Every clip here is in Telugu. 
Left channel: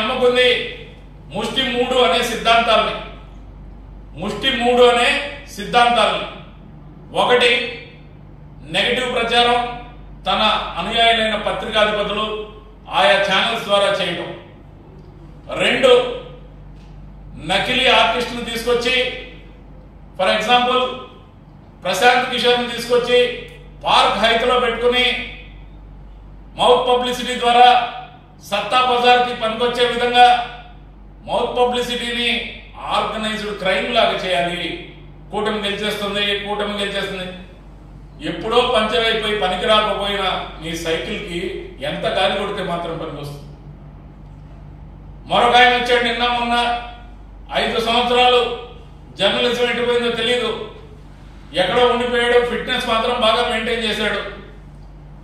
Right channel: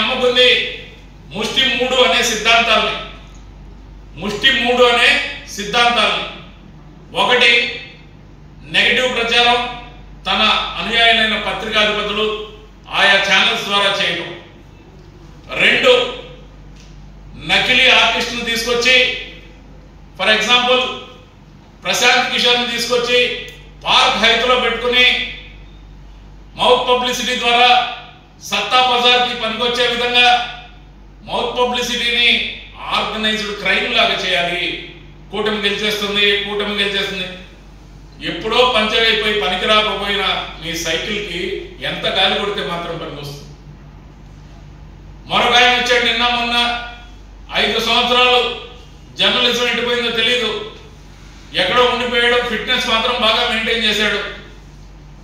నమ్ముకుంది ముష్టి మూడు అనే సిద్ధాంతాలని. ఒకటి, నెగటివ్ ప్రచారం తన అనుయాయులైన పత్రికాధిపతులు ఆయా ఛానల్స్ ద్వారా చేయడం. రెండు, నకిలీ ఆర్టిస్టును తీసుకొచ్చి, ఫర్ ఎగ్జాంపుల్ ప్రశాంత్ కిషోర్ని తీసుకొచ్చి పార్క్ హైత్లో పెట్టుకుని మౌత్ పబ్లిసిటీ ద్వారా సత్తా బజార్కి పనికొచ్చే విధంగా మౌత్ పబ్లిసిటీని ఆర్గనైజ్డ్ క్రైమ్ లాగా చేయాలి. కూటమి గెలిచేస్తుంది. ఎప్పుడో పంచర్ అయిపోయి పనికి రాకపోయిన మీ సైకిల్కి ఎంత గాలి కొడితే మాత్రం పనికొస్తుంది. మరొక ఆయన వచ్చాడు నిన్న మొన్న, 5 సంవత్సరాలు జర్నలిజం ఎట్టిపోయిందో తెలీదు, ఎక్కడో ఉండిపోయాడు, ఫిట్నెస్ మాత్రం బాగా మెయింటైన్ చేశాడు.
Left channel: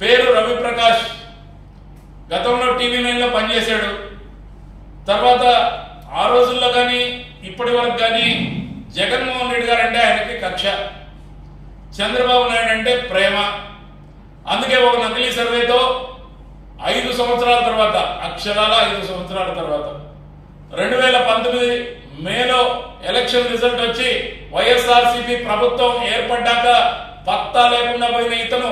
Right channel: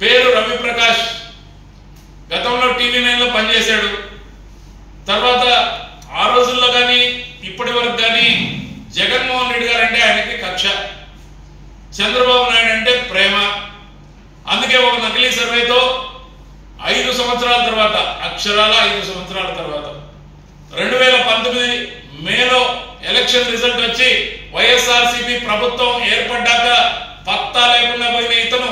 పేరు రవి ప్రకాష్. గతంలో TV9లో పనిచేశాడు. తర్వాత ఆ రోజుల్లో కానీ ఇప్పటి వరకు కానీ జగన్మోహన్ రెడ్డి గారు అంటే ఆయనకి కక్ష, చంద్రబాబు నాయుడు అంటే ప్రేమ. అందుకే ఒక నకిలీ సర్వేతో 5 సంవత్సరాల తర్వాత, అక్షరాల 5 సంవత్సరాల తర్వాత 2019 మేలో ఎలక్షన్ రిజల్ట్ వచ్చి వైఎస్ఆర్సీపీ ప్రభుత్వం ఏర్పడ్డాక పత్తా లేకుండా పోయిన ఇతను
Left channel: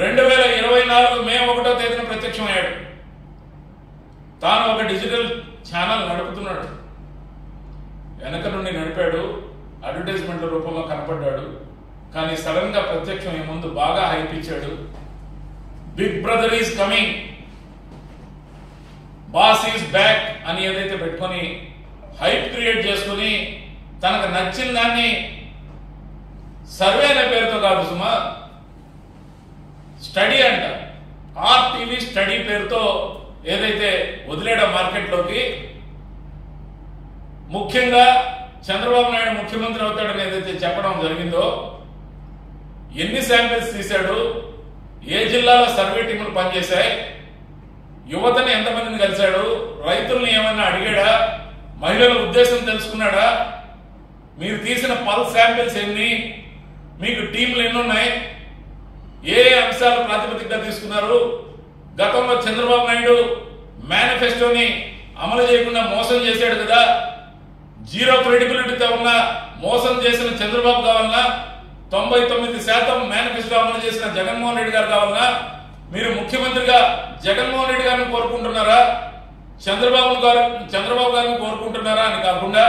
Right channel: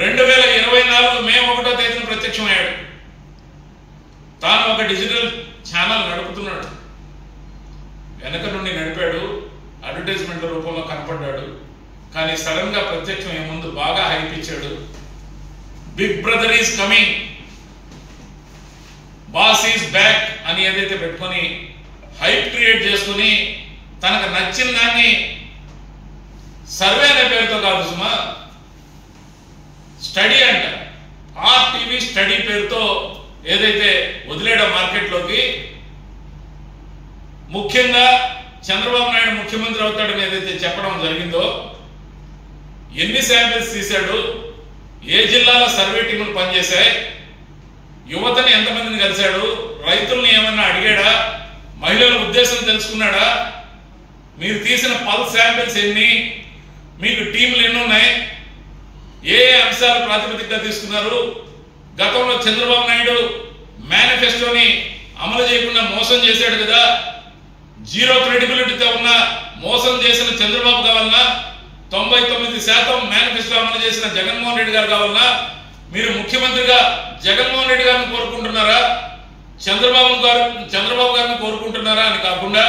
2024 మే 1వ తేదీన ప్రత్యక్షమయ్యాడు. తాను ఒక డిజిటల్ ఛానల్ నడుపుతున్నాడు. వెనక నుండి నడిపాడు, అడ్వర్టైజ్మెంట్ల రూపంలో కనపడ్డాడు. కానీ సడన్ గా ప్రత్యక్షం ముందు బాగా హైప్ ఇచ్చాడు. Big brother is coming, boss is back అని ఏదైతే పెట్టుకొని హైప్ క్రియేట్ చేసుకుని తనకు నచ్చిన దాన్ని సర్వే అనే పేరుతో కాదు సుమా, స్టడీ అంట, RTV స్టడీ పేరుతో ఏదైతే వదిలేయడం మార్కెట్లోకి, ముఖ్యంగా చంద్రబాబు నాయుడు ముఖ్యమంత్రి అవుతాడని ఏదైతే చెప్పడం జరిగిందో, ఎన్ని శాంపిల్స్ తీశాడు, ఏ జిల్లాలో సర్వే టీములు పనిచేశాయి, యువతని ఎంతమందిని కలిశాడు, రైతుల్ని ఏమన్నా అడిగాడా, మహిళల ఉద్దేశం తెలుసుకున్నాడా, మీరు తీసిన పల్స్ శాంపిల్స్ ఎన్ని, మీకు టీంలు ఎన్ని ఉన్నాయి, ఏ అంశాలు ప్రాతిపదికగా తీసుకున్నారు, గతంలో చంద్రబాబు నాయుడు మేనిఫెస్టోని అమలు చేయకుండా మోసం చేశాడు కదా, జీరో క్రెడిబిలిటీతో ఉన్న మోసం చేసిన చంద్రబాబు కావాలన్నా, 99% మేనిఫెస్టో అమలు చేసిన జగన్మోహన్ రెడ్డి గారు కావాలన్నా, మీరు ముఖ్యమంత్రిగా జగన్మోహన్ రెడ్డి గారిని కోరుకుంటున్నారా, చంద్రబాబు గారిని కోరుకుంటున్నారా అని కాకుండా,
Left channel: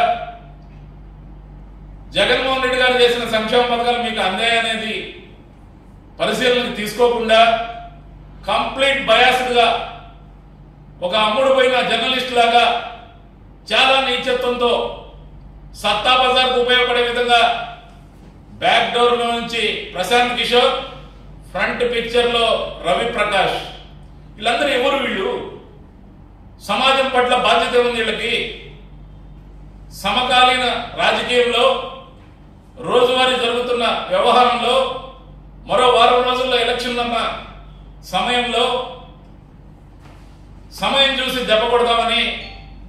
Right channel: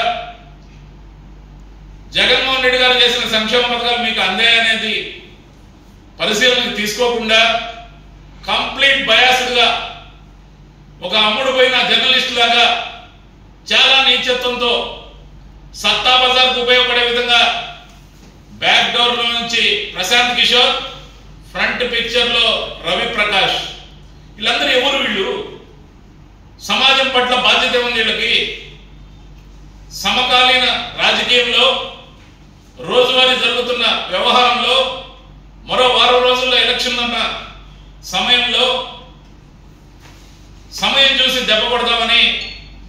జగన్మోహన్ రెడ్డి గారు చేసిన సంక్షేమ పథకాలు మీకు అందాయనేది పరిశీలనకు తీసుకోకుండా కంప్లీట్ బయాస్డ్గా ఒక అమ్ముడు పోయిన జర్నలిస్ట్ లాగా చాలా నీచత్వంతో సత్తా బజార్కు ఉపయోగపడే విధంగా బ్యాక్ డోర్ లో నుంచి ప్రశాంత్ కిషోర్, ఫ్రంట్ పిక్చర్ లో రవి ప్రకాష్, వీళ్ళందరూ ఎవరు? వీళ్ళు సమాజం పట్ల బాధ్యత ఉంది వీళ్ళకి. సమకాలీన రాజకీయంలో రోజువారీ జరుగుతున్న వ్యవహారంలో మరో 1 వారం రోజుల్లో ఎలక్షన్ అన్న సమయంలో సమయం చూసి దెబ్బ కొడదామని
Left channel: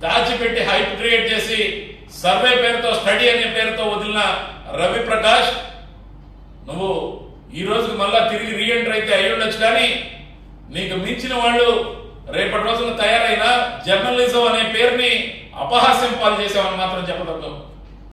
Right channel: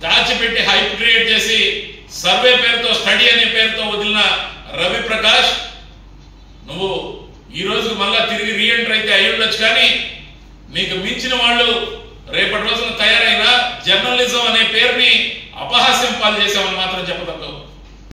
దాచిపెట్టి హైప్ క్రియేట్ చేసి సర్వే పేరుతో, స్టడీ అనే పేరుతో వదిలిన రవి ప్రకాష్, నువ్వు ఈ రోజు మళ్ళా తిరిగి రీఎంటర్ అయితే అయి ఉండొచ్చు, కానీ నీకు మించిన వాళ్ళు రేపటి రోజున తయారైన జర్నలిజం అనే పేరుని అపహాస్యం పాలు చేశామని మాత్రం చెప్పగలవు.